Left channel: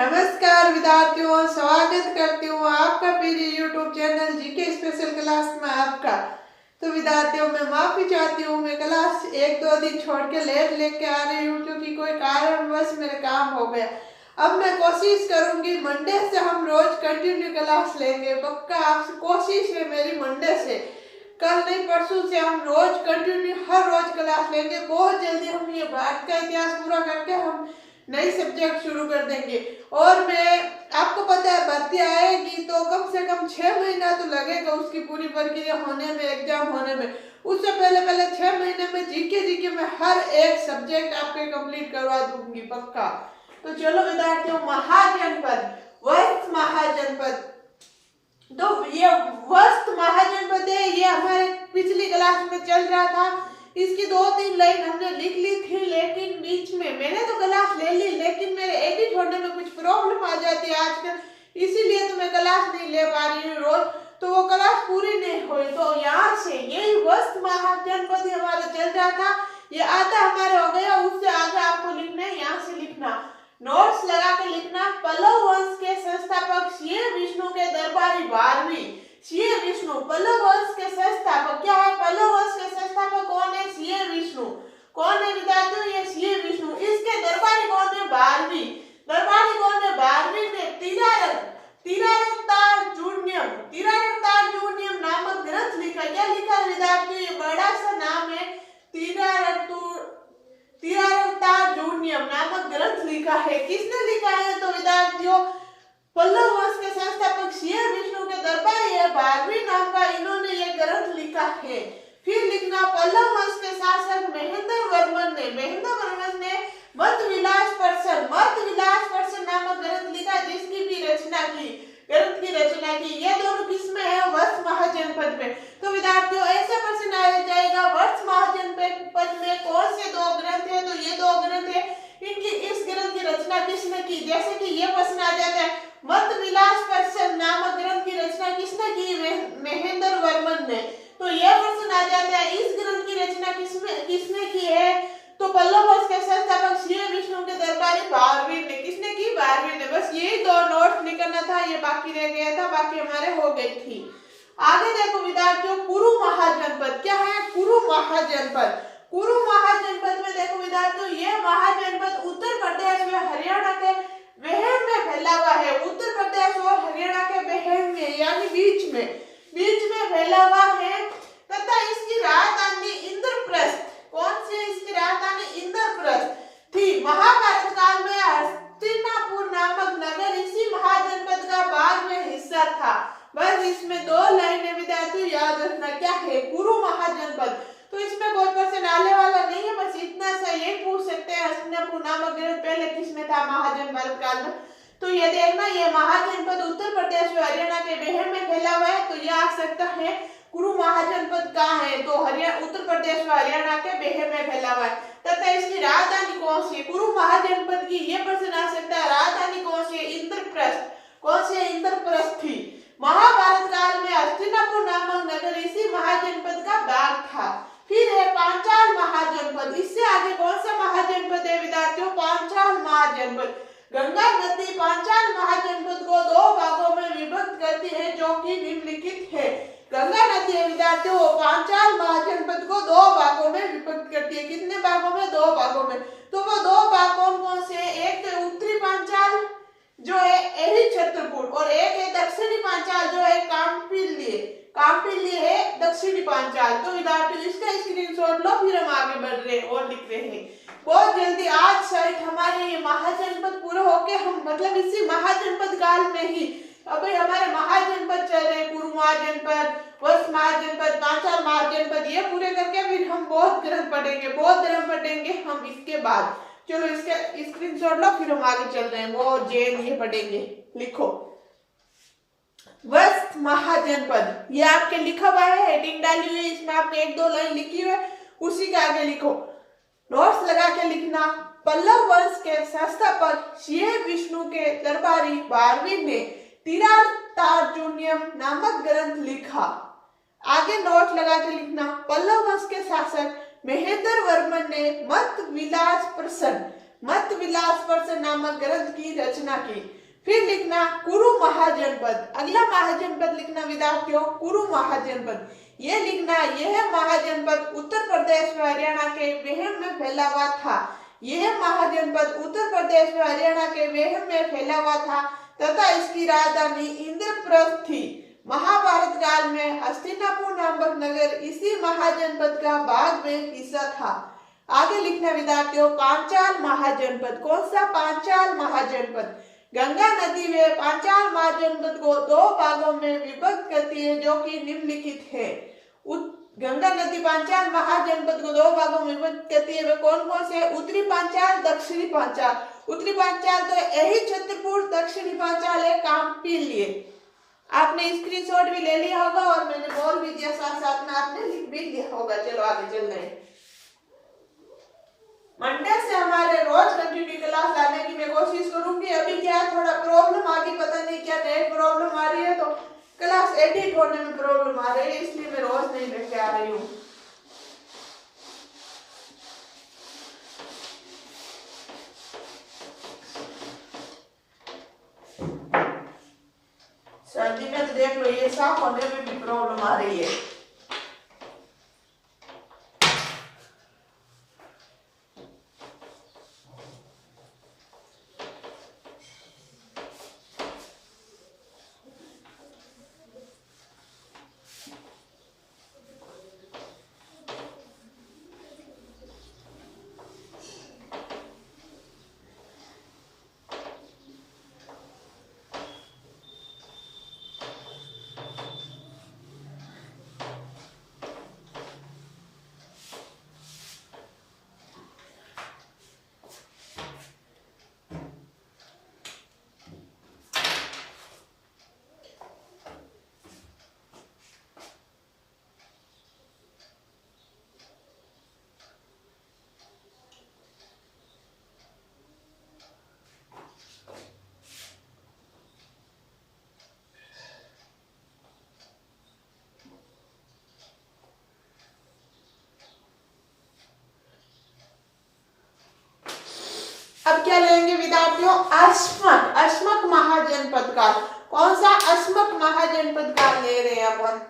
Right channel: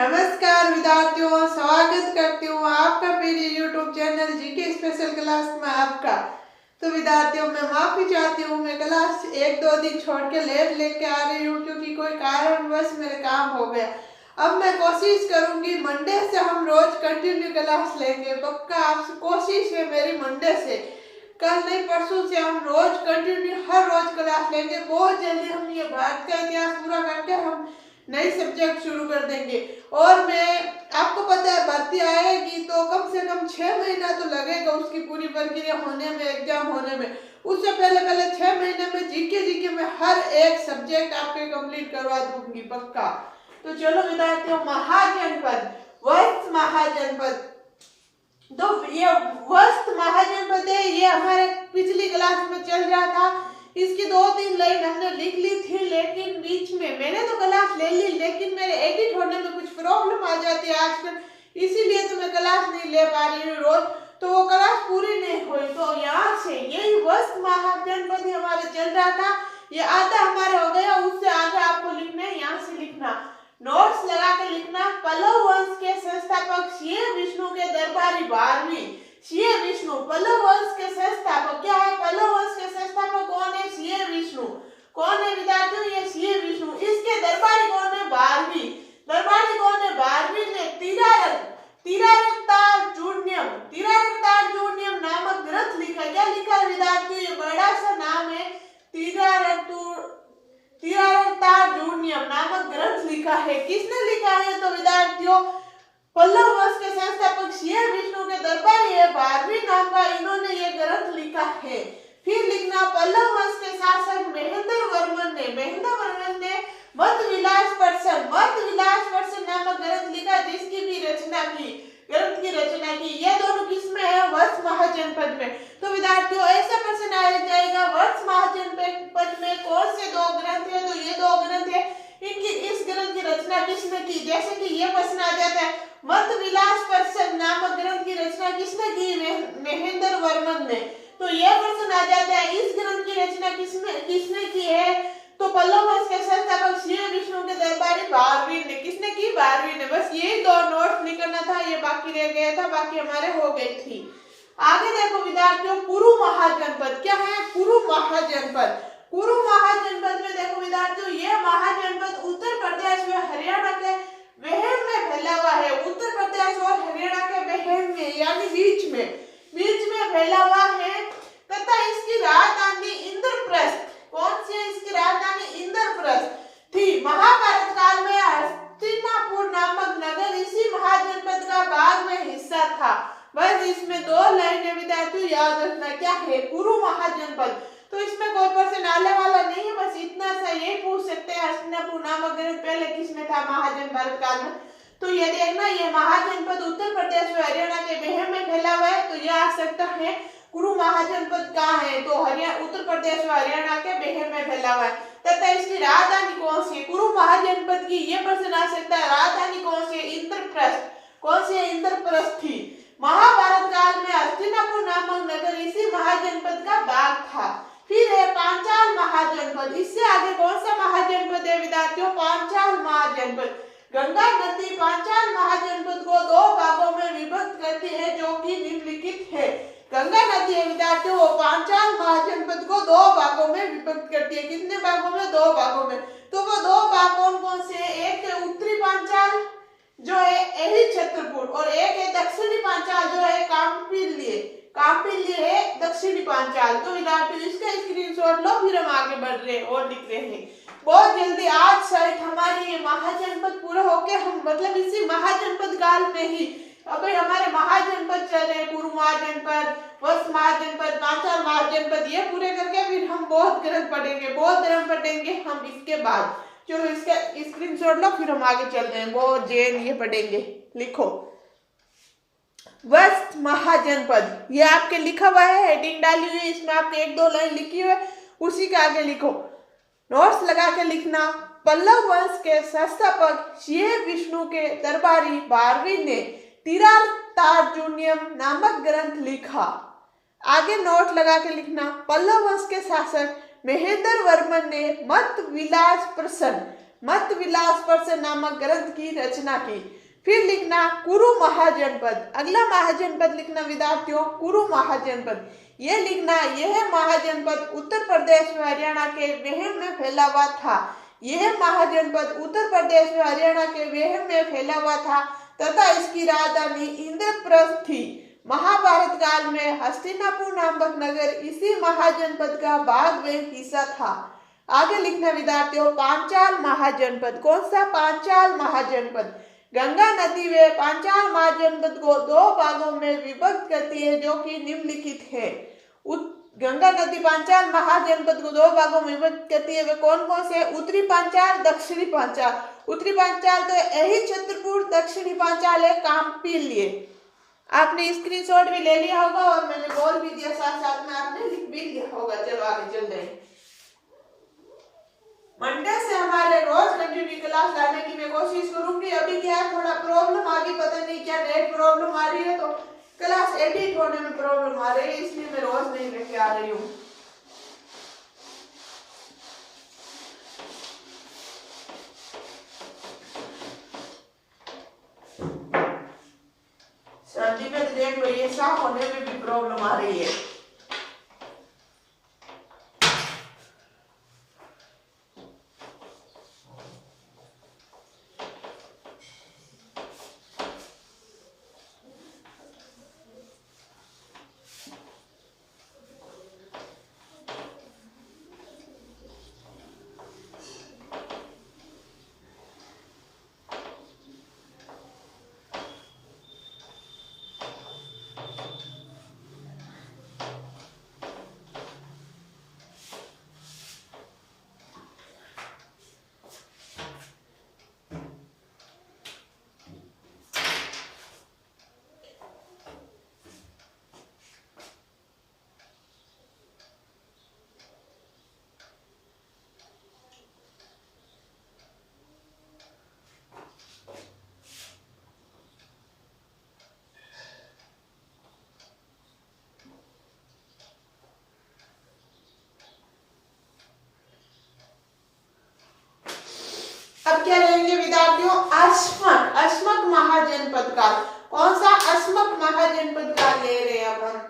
नमस्कार विद्यार्थियों, स्वागत करती हूँ आपका मेरे YouTube channel GK special class में आपका। तो विद्यार्थियों, मैं माफी चाहती हूँ, मैं क्लास 1-2 दिन छोड़ के लेट लेके आ रही हूँ क्योंकि कोई कारणवश मेरे काम हो गया। अब मैं कोशिश करूंगी मंडे से हम रोज कंटिन्यू क्लास लेंगे, पक्का आपसे कोशिश है मेरी। मंडे से, कल नहीं परसों से हम रोज कंटिन्यू हर रोज क्लास लेंगे। बहुत जल्दी हम ये भारत का इतिहास पूरा करके हम नई सब्जेक्ट शुरू कर देंगे। और मैं आपको पता है भर्ती आएगी तो कम से कम 6 महीना तो लगेगा उसकी पूरी प्रक्रिया होने में, एग्जाम होने में। उससे पहले 6 महीने में जीके में हर एक सब्जेक्ट आपके कंप्लीट करवा दूंगी, पक्का। तो चलो विद्यार्थियों, महाजनपद, वस्त महाजनपद। तो ये वस्त महाजनपद है, ये हमारे पिछली क्लास में चल रहा था। इसकी 2-3 लाइन हमने लिख ली थी, लेकिन बीच में मैंने तो क्लास ले ली, लेकिन मेरे एडिट होने में कुछ प्रॉब्लम आ जाती है आजकल, इसीलिए तो मैं क्लास नहीं ले पा रही हूँ रोज, तो वो क्लास पूरी नहीं हुई। तो यहाँ से यही वस्त महाजनपद हमारे चल रहा था, ये आधा हमारे हो गया। उससे आगे आपको लिखना है, यहाँ से लिखना, नोट्स लगा के लिखना। पल्लव वंश के संस्थापक श्री विष्णु के दरबारी 12वीं। श्री विष्णु पल्लव वंश के संस्थापक क्या है? पल्लव वंश के संस्थापक कौन है? श्री विष्णु। कौन है विद्यार्थियों? ये श्री विष्णु। इसके दरबारी कौन है? 12वीं। दरबारी कौन है? 12वीं ने तिरारतार्जुनीयम नामक ग्रंथ लिखा। क्या लिखा है विद्यार्थियों? ये बड़ा सा नाम है, तिरारतार्जुनीयम नामक ग्रंथ लिखा है। किसने लिखा है? तो विद्यार्थियों, पल्लव वंश के संस्थापक श्री विष्णु के दरबारी है 12वीं नाम का, इन्होंने ये ग्रंथ लिखा है। फिर लिखना, पल्लव वंश के शासक महेंद्र वर्मन ने मत विलास पर्सन नामक ग्रंथ लिखा, जिसकी भी ग्रंथ की रचना की। ये दोनों किसमें है? वस्त महाजनपद में। तो विद्यार्थियों, ऐसा प्रश्न आ जाएगा, वस्त महाजनपद में कौन से 2 ग्रंथ है? तो ये 2 ग्रंथ है, इनकी इस ग्रंथ की रचना किसने की? जैसे कि ये प्रश्न आ जाता है, मत विलास पर्सन नामक ग्रंथ की रचना किसने की? महेंद्र वर्मन ने। तो यह प्रश्न आ जाता है, इस ग्रंथ की रचना किसने की है? तो पल्लव वंश के संस्थापक श्री विष्णु के दरबारी 12वीं ने। किसने की? 12वीं ने। बस यही 2 नोट लिखना था, ये बाकी रह गया था, बाकी हमारे हो गई थी। आगे देखो विद्यार्थियों, कुरु महाजनपद क्या है? कुरु महाजनपद। कुरु महाजनपद में देखो विद्यार्थियों, ये महाजनपद उत्तर प्रदेश में हरियाणा के वेहन में फैला हुआ है। उत्तर प्रदेश और हरियाणा के वेहन में, यानी बीच में फैला हुआ है, तथा इसकी राजधानी इंद्रप्रस्थ। कौन सी है इसकी राजधानी? इंद्रप्रस्थ थी। महाभारत काल में हस्तिनापुर नामक नगर इसी महाजनपद का भाग में हिस्सा था। बस इसमें 2 लाइनें विद्यार्थियों याद रखना, क्या है? कुरु महाजनपद। तो इसमें कोई प्रश्न आने वाला नहीं है, बस इतना सा ये पूछ सकते हैं, हस्तिनापुर नामक ग्रंथ पहले किसमें था महाजनपद काल में। तो ये देखना, ये महाजनपद उत्तर प्रदेश में हरियाणा के वेहन में फैला हुआ है, तो यह आ सकता है कुरु महाजनपद कहाँ है? तो उत्तर प्रदेश में हरियाणा के वेहन में फैला हुआ है। तथा इसकी राजधानी कौन सी है? कुरु महाजनपद की ये प्रश्न आ सकता है, राजधानी कौन सी है? इंद्रप्रस्थ। कौन सी है? इंद्रप्रस्थ थी। महाभारत काल में हस्तिनापुर नामक नगर इसी महाजनपद का भाग था। फिर है पांचाल महाजनपद। इससे आगे कौन सा महाजनपद है विद्यार्थियों? पांचाल महाजनपद। गंगा नदी पांचाल महाजनपद को 2 भागों में विभक्त करती है, जो कि निम्नलिखित है। गंगा नदी है विद्यार्थियों, वो पांचाल महाजनपद को 2 भागों में विभक्त करती है। कितने भागों में? 2 भागों में। तो वो 2 भाग कौन से हैं? एक है उत्तरी पांचाल जो है एही छत्रपुर, और एक है दक्षिणी पांचाल जो है काम्पिल्य है दक्षिणी पांचाल। तो विद्यार्थियों, इसका स्क्रीनशॉट लो, फिर हम आगे बढ़ रहे हैं और लिख रहे हैं। बहुत जल्दी आज शायद हमारी ये महाजनपद पूरा होके हम, मतलब इसी महाजनपद काल में ही अभी हमारे महाजनपद चल रहे हैं, कुरु महाजनपद, वस्त महाजनपद, पांचाल महाजनपद, ये पूरे करके फिर हम बौद्ध ग्रंथ पढ़ेंगे हम इसके बाद। चलो इसका स्क्रीनशॉट लो, फिर हम आगे चलते हैं, बहुत जैन ये पढ़ेंगे। लिखो वस्त महाजनपद, ये आपके लिखा हुआ है, हेडिंग डाली हुई है, इसमें आपने 1-2 लाइन लिखी हुई है, उसी के आगे लिखो, नोट्स लगा के लिखना। पल्लव वंश के संस्थापक श्री विष्णु के दरबारी 12वीं ने तिरारतार्जुनीयम नामक ग्रंथ लिखा। आगे नोट लगा के लिखना, पल्लव वंश के शासक महेंद्र वर्मन ने मत विलास प्रसन मत विलास पर से नामक ग्रंथ की रचना की। फिर लिखना कुरु महाजनपद। अगला महाजनपद लिखना विद्यार्थियों कुरु महाजनपद। ये लिखना यह महाजनपद उत्तर प्रदेश व हरियाणा के वेहम में फैला हुआ था। यह महाजनपद उत्तर प्रदेश व हरियाणा के वेहम में फैला हुआ था तथा इसकी राजधानी इंद्रप्रस्थ थी। महाभारत काल में हस्तिनापुर नामक नगर इसी महाजनपद का भाग में हिस्सा था। आगे लिखना विद्यार्थियों पांचाल महाजनपद। कौन सा? पांचाल महाजनपद। गंगा नदी वे पांचाल महाजनपद को दो भागों में विभक्त करती है जो कि निम्नलिखित है। गंगा नदी पांचाल महाजनपद को दो भागों में विभक्त करती है वे कौन कौन से? उत्तरी पांचाल, दक्षिणी पांचाल। उत्तरी पांचाल तो यही छतरपुर, दक्षिणी पांचाल है कांपिल्य। आपने स्क्रीनशॉट भी ले लिया होगा और मैंने बोल भी दिया, साथ साथ में आपने लिख भी लिया होगा। चलो आगे चल रहे हैं। मंडे से हमारे रोज कंटिन्यू क्लास लाने की मैं कोशिश करूंगी। अभी क्या थोड़ा प्रॉब्लम आ गई, पता नहीं क्या नेट प्रॉब्लम आ रही है, तो क्लास एडिट होने में प्रॉब्लम आ रही है, इसलिए मैं रोज नहीं लेके आ रही हूँ। सर्दी में देख लो ये साफ होने में भी प्रॉब्लम आ रही है। अब क्या लेंगे विद्यार्थियों? अस्मक। अस्मक महाजनपद का। कौन सा? अस्मक महाजनपद का ले रहे हैं अपन।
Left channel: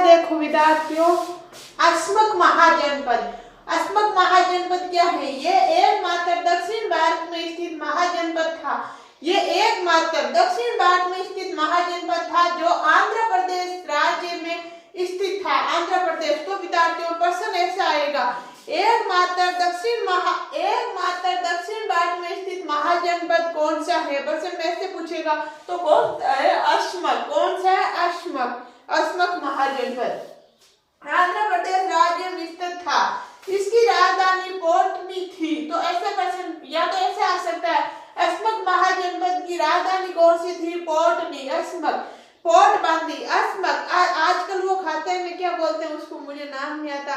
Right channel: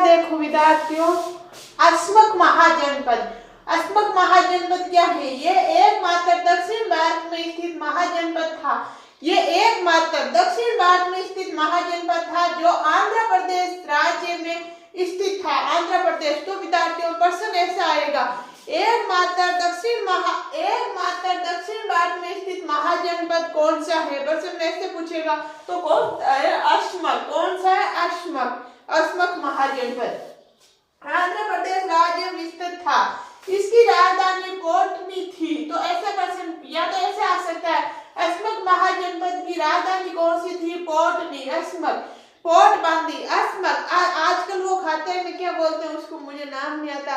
देखो विद्यार्थियों, अस्मक महाजनपद। अस्मक महाजनपद क्या है? ये एकमात्र दक्षिण भारत में स्थित महाजनपद था। ये एकमात्र दक्षिण भारत में स्थित महाजनपद था जो आंध्र प्रदेश राज्य में स्थित था। आंध्र प्रदेश। तो विद्यार्थियों प्रश्न ऐसा आएगा, एकमात्र दक्षिण भारत में स्थित महाजनपद कौन सा है? प्रश्न में ऐसे पूछेगा तो कौन सा है? अस्मक। कौन सा है? अस्मक। अस्मक महाजनपद आंध्र प्रदेश राज्य में स्थित था। इसकी राजधानी पोर्टनी थी। तो ऐसे प्रश्न या तो ऐसे आ सकता है, अस्मक महाजनपद की राजधानी कौन सी थी? पोर्टनी। अस्मक। पोर्ट बांदी। अस्मक। आजकल वो खाते में क्या बोलते हैं उसको, मुझे नाम नहीं आता,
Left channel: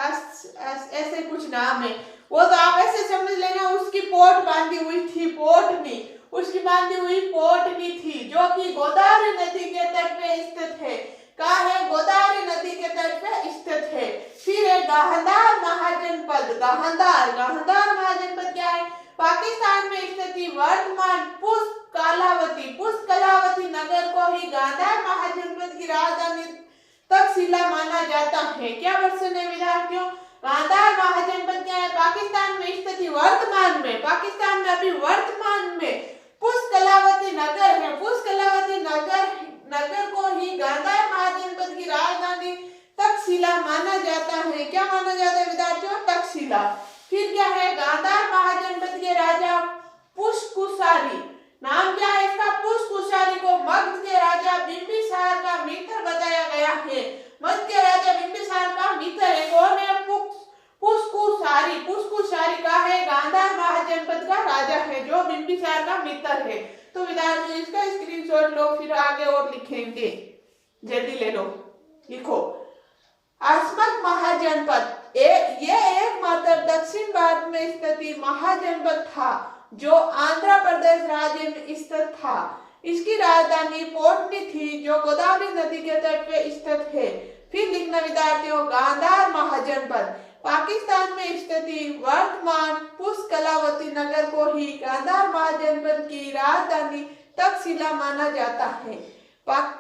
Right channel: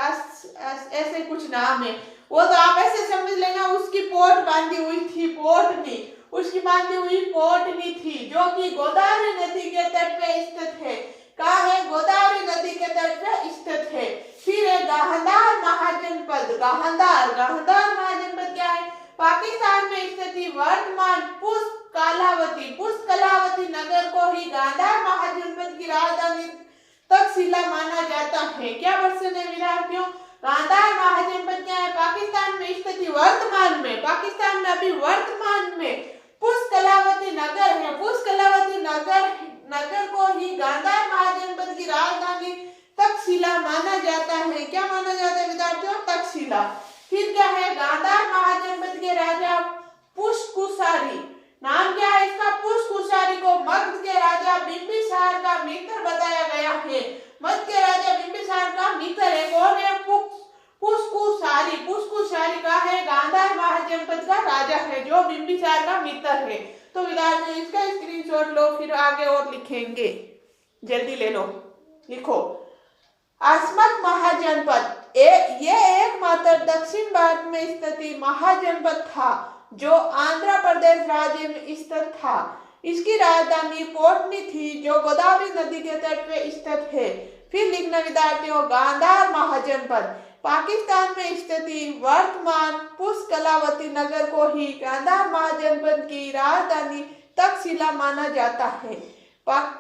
ऐसे कुछ नाम है, वो तो आप ऐसे समझ लेना। उसकी पोर्ट बांधी हुई थी पोर्टनी। उसकी बांधी हुई पोर्टनी थी जो कि गोदावरी नदी के तट पे स्थित है। कहाँ है? गोदावरी नदी के तट पे स्थित है। फिर है गांधार महाजनपद। गांधार महाजनपद क्या है? पाकिस्तान में स्थित वर्तमान पुष्कलावती नगर को ही गांधार महाजनपद की राजधानी तक्षशिला माना जाता है। क्या प्रश्न है विद्यार्थियों? गांधार महाजनपद क्या है? पाकिस्तान में स्थित पाकिस्तान में अभी वर्तमान में पुष्कलावती नगर है। पुष्कलावती नगर को ही गांधार महाजनपद की राजधानी तक्षशिला माना जाता है। क्या माना जाता है विद्यार्थियों? तक्षशिला। फिर क्या है? गांधार महाजनपद के राजा पुष्कुसारी। नाम क्या है इसका? पुष्कुसारी को मगध के राजा बिंबिसार का मित्र बताया गया है। मगध के राजा बिंबिसार का मित्र है। कौन है? पुष्कुसारी। पुष्कुसारी का है? गांधार महाजनपद का राजा है जो बिंबिसार का मित्र है। तो विद्यार्थियों इसका स्क्रीनशॉट लो, फिर आगे और लिखेंगे। जल्दी ले लो, लिखो। अस्मक महाजनपद ये एकमात्र दक्षिण भारत में स्थित महाजनपद था जो आंध्र प्रदेश राज्य में स्थित था। इसकी राजधानी पोर्टनी थी जो गोदावरी नदी के तट पे स्थित है। फिर लिखना विद्यार्थियों, गांधार महाजनपद पाकिस्तान में स्थित वर्तमान पुष्कलावती नगर को ही गांधार महाजनपद की राजधानी तक्षशिला माना जाता है।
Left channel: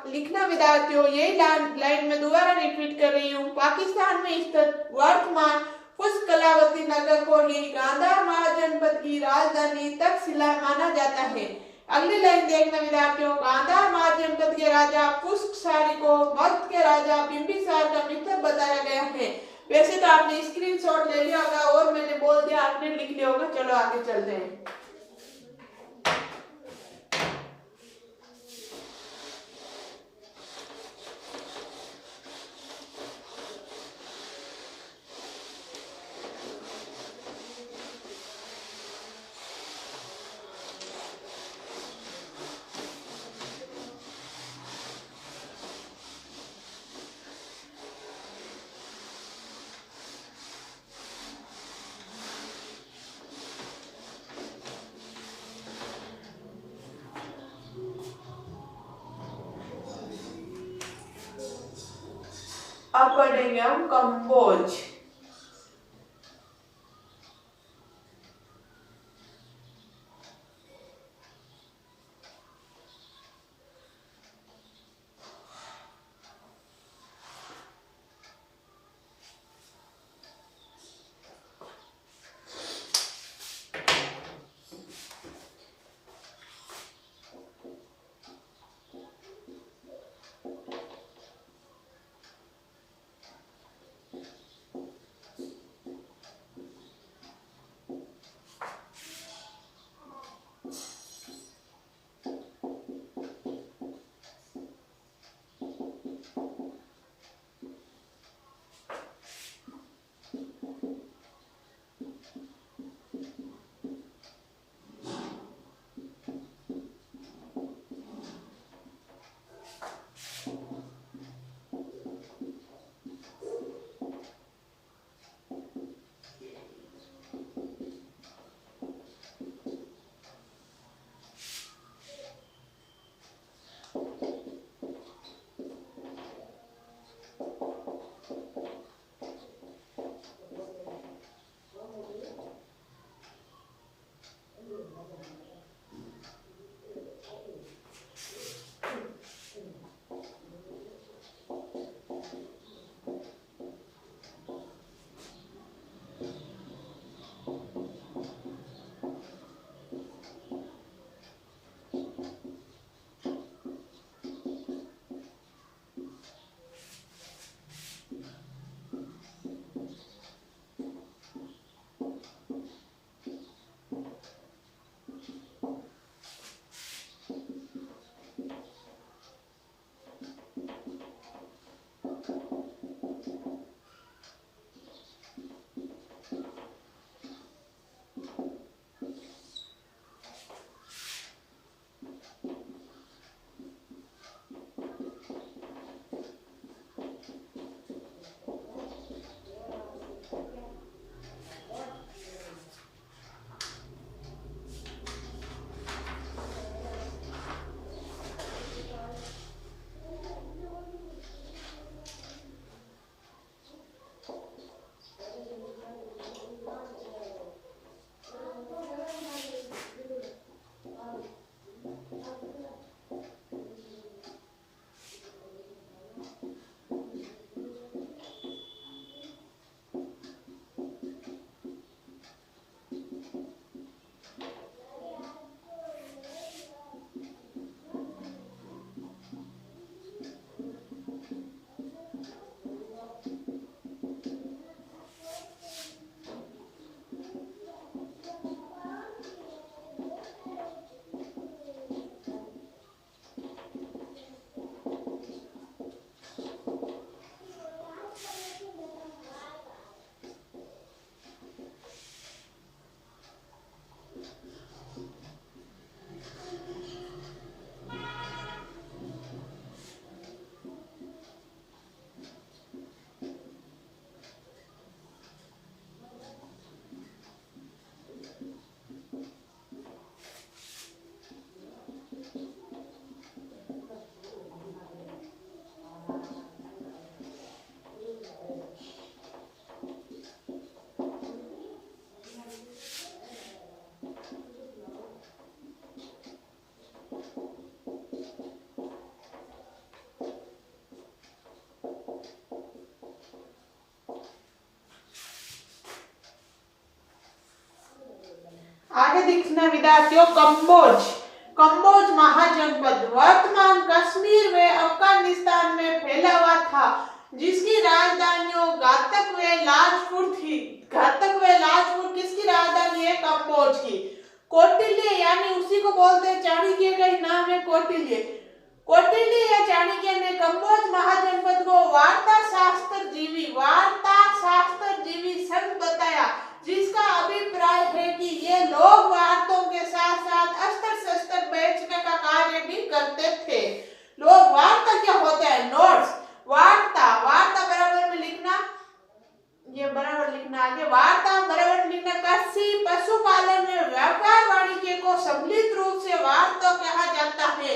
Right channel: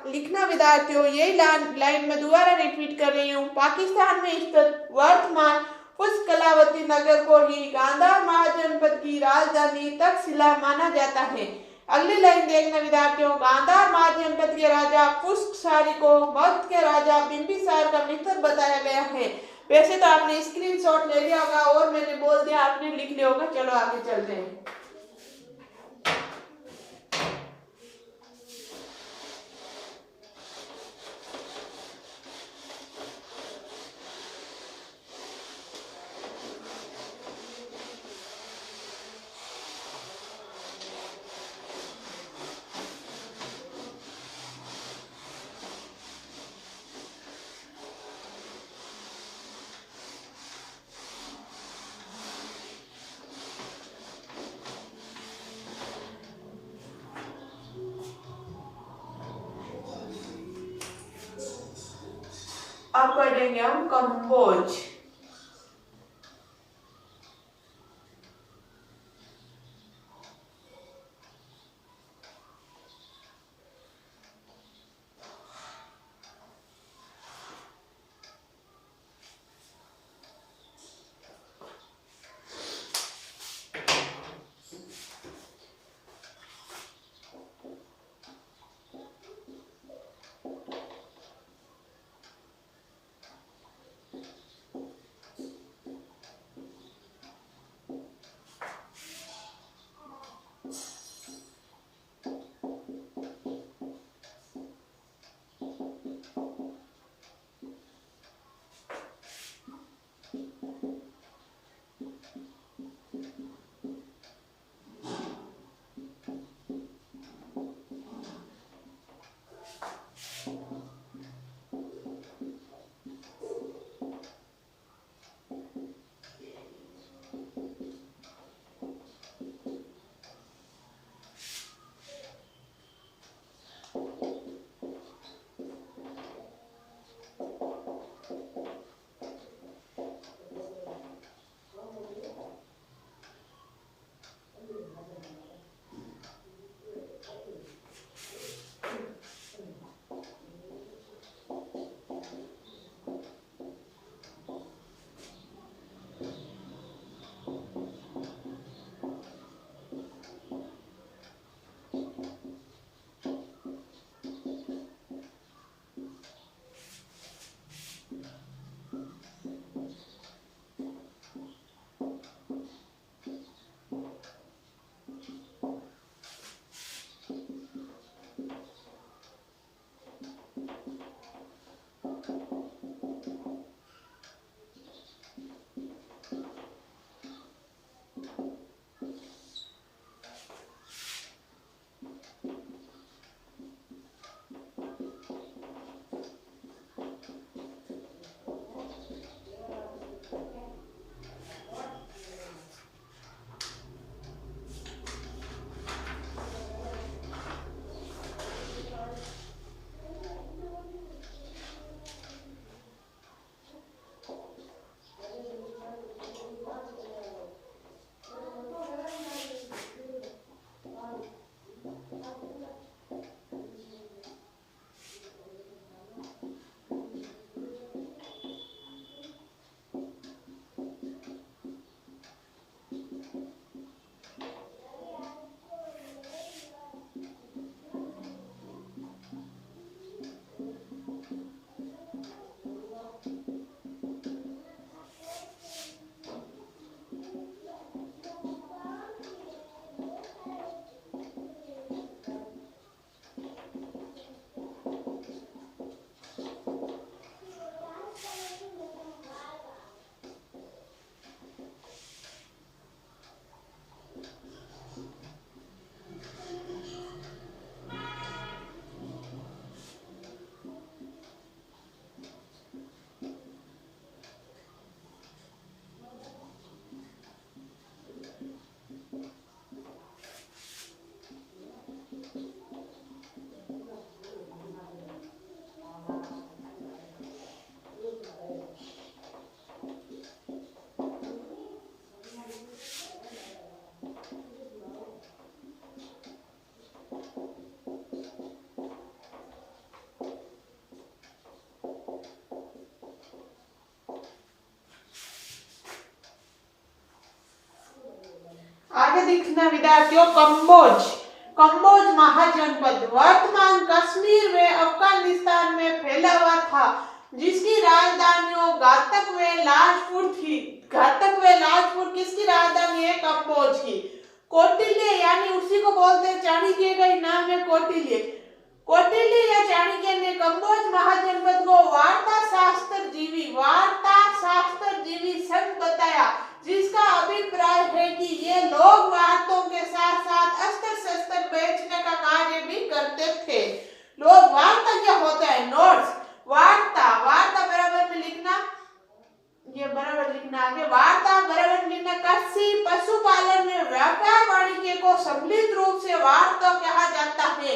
लिखना विद्यार्थियों, यही लाइन में दोबारा रिपीट कर रही हूँ। पाकिस्तान में स्थित वर्तमान पुष्कलावती नगर को ही गांधार महाजनपद की राजधानी तक्षशिला माना जाता है। अगली लाइन देखना विद्यार्थियों, गांधार महाजनपद के राजा पुष्कसारी को मगध के राजा बिंबिसार का मित्र बताया गया है। वैसे तो आपने स्क्रीनशॉट ले लिया होगा और मैंने बोल दिया, आपने लिख लिया होगा। चलो आगे चलते हैं। अब पढ़ेंगे हम कंबोज। आगे देखना विद्यार्थियों, कंबोज। कंबोज महाजनपद वर्तमान कश्मीर व अफगानिस्तान में फैला हुआ था, जिसकी राजधानियों घातक व लाजपुर थी। घातक व लाजपुर किसकी राजधानी है? कंबोज की। कौटिल्य यानी उसी को बोलते हैं, चाणक्य का ही नाम है कौटिल्य। कौटिल्य या चाणक्य ने कंबोज महाजनपद को वार्ता शास्त्रजीवी संघ बताया, जिसका अभिप्राय है कि ये लोग वार्तों के साथ साथ अस्त्र शस्त्र बेचने का कार्य भी करते थे। लोग वार्ता क्या होता है? नोट्स। वार्ता बराबर में लिखना, ये बराबर लिखना आगे। वार्ता बराबर लिखना। कृषि पशुपालन में व्यापार वाणिज्य को सम्मिलित रूप से वार्ता कहा जाता है।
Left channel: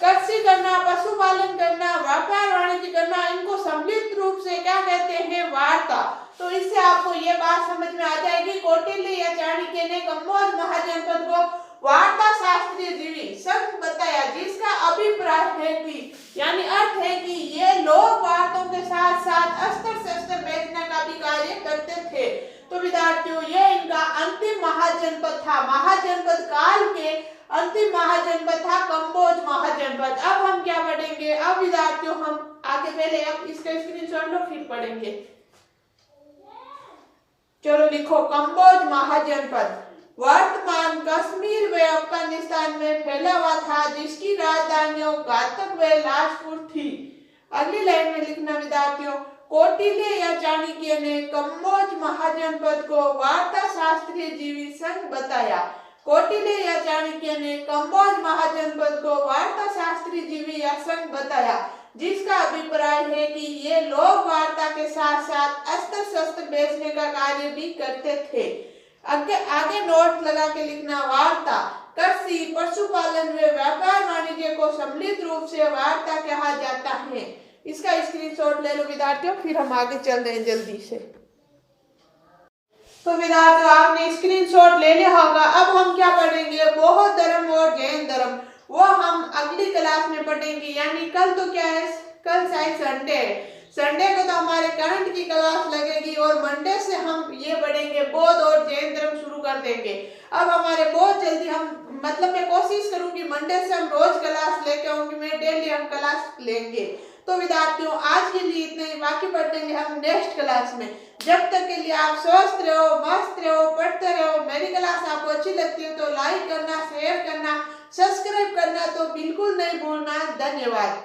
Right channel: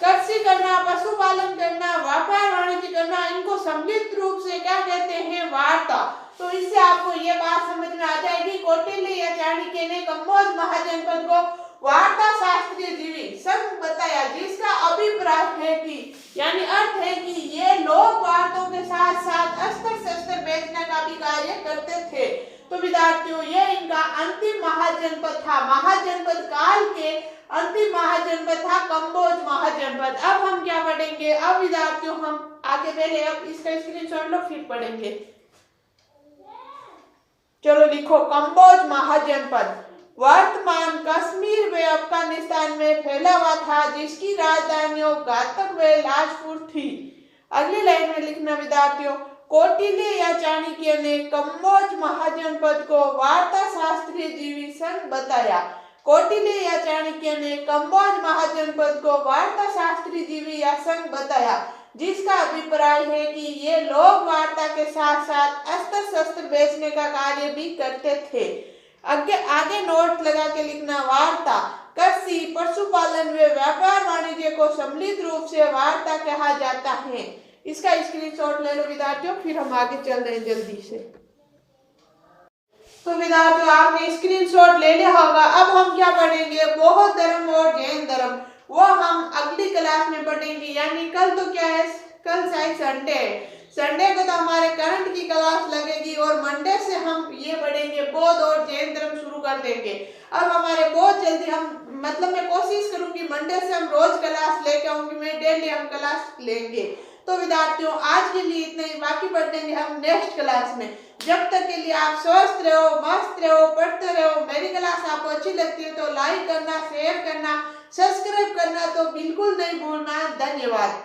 कृषि करना, पशुपालन करना, व्यापार वाणिज्य करना, इनको सम्मिलित रूप से क्या कहते हैं? वार्ता। तो इससे आपको ये बात समझ में आ जाएगी, कौटिल्य या चाणक्य ने कंबोज महाजनपद को वार्ता शास्त्रजीवी संघ बताया, जिसका अभिप्राय है कि यानी अर्थ है कि ये लोग वार्तों के साथ साथ अस्त्र शस्त्र बेचने का भी कार्य करते थे। तो विद्यार्थियों, ये इनका अंतिम महाजनपद था। महाजनपद काल के अंतिम महाजनपद था कंबोज महाजनपद। अब हम क्या पढ़ेंगे? अब विद्यार्थियों हम आगे, पहले अब इसका स्क्रीनशॉट लो फिर पढ़ेंगे। चलो लिखो, कंबोज महाजनपद वर्तमान कश्मीर व अफगानिस्तान में फैला हुआ था, जिसकी राजधानियों घातक व लाजपुर थी। अगली लाइन में लिखना विद्यार्थियों, कौटिल्य या चाणक्य ने कंबोज महाजनपद को वार्ता शास्त्रजीवी संघ बताया। कौटिल्य या चाणक्य ने कंबोज महाजनपद को वार्ता शास्त्रजीवी या संघ बताया, जिसका अभिप्राय है कि ये लोग वार्ता के साथ साथ अस्त्र शस्त्र बेचने का कार्य भी करते थे। आगे नोट लगा के लिखना, वार्ता कृषि पशुपालन व व्यापार वाणिज्य को सम्मिलित रूप से वार्ता कहा जाता है। इसका स्क्रीनशॉट ले लो विद्यार्थियों, फिर हम आगे चल रहे हैं जल्दी से। तो विद्यार्थियों, आपने स्क्रीनशॉट ले लिया होगा। अब हम क्या पढ़ेंगे? बौद्ध धर्म और जैन धर्म, वो हम अगली क्लास में पढ़ेंगे। यानी कल तो क्या है? कल शायद संडे है। संडे को तो हमारे करंट की क्लास लगेगी और मंडे से हम ये पढ़ेंगे बौद्ध और जैन धर्म शुरू कर देंगे। अब हमारे बहुत जल्दी मैं कोशिश करूंगी मंडे से हम रोज क्लास लेके आऊंगी, मैं डेली हम क्लास लेंगे। तो विद्यार्थियों, आज के लिए इतना ही, बाकी पढ़ेंगे हम नेक्स्ट क्लास में। जब तक के लिए आप स्वस्थ रहो, मस्त रहो, पढ़ते रहो। मेरी क्लास आपको अच्छी लगती है तो लाइक करना, शेयर करना, सब्सक्राइब करना तो बिल्कुल नहीं भूलना। धन्यवाद।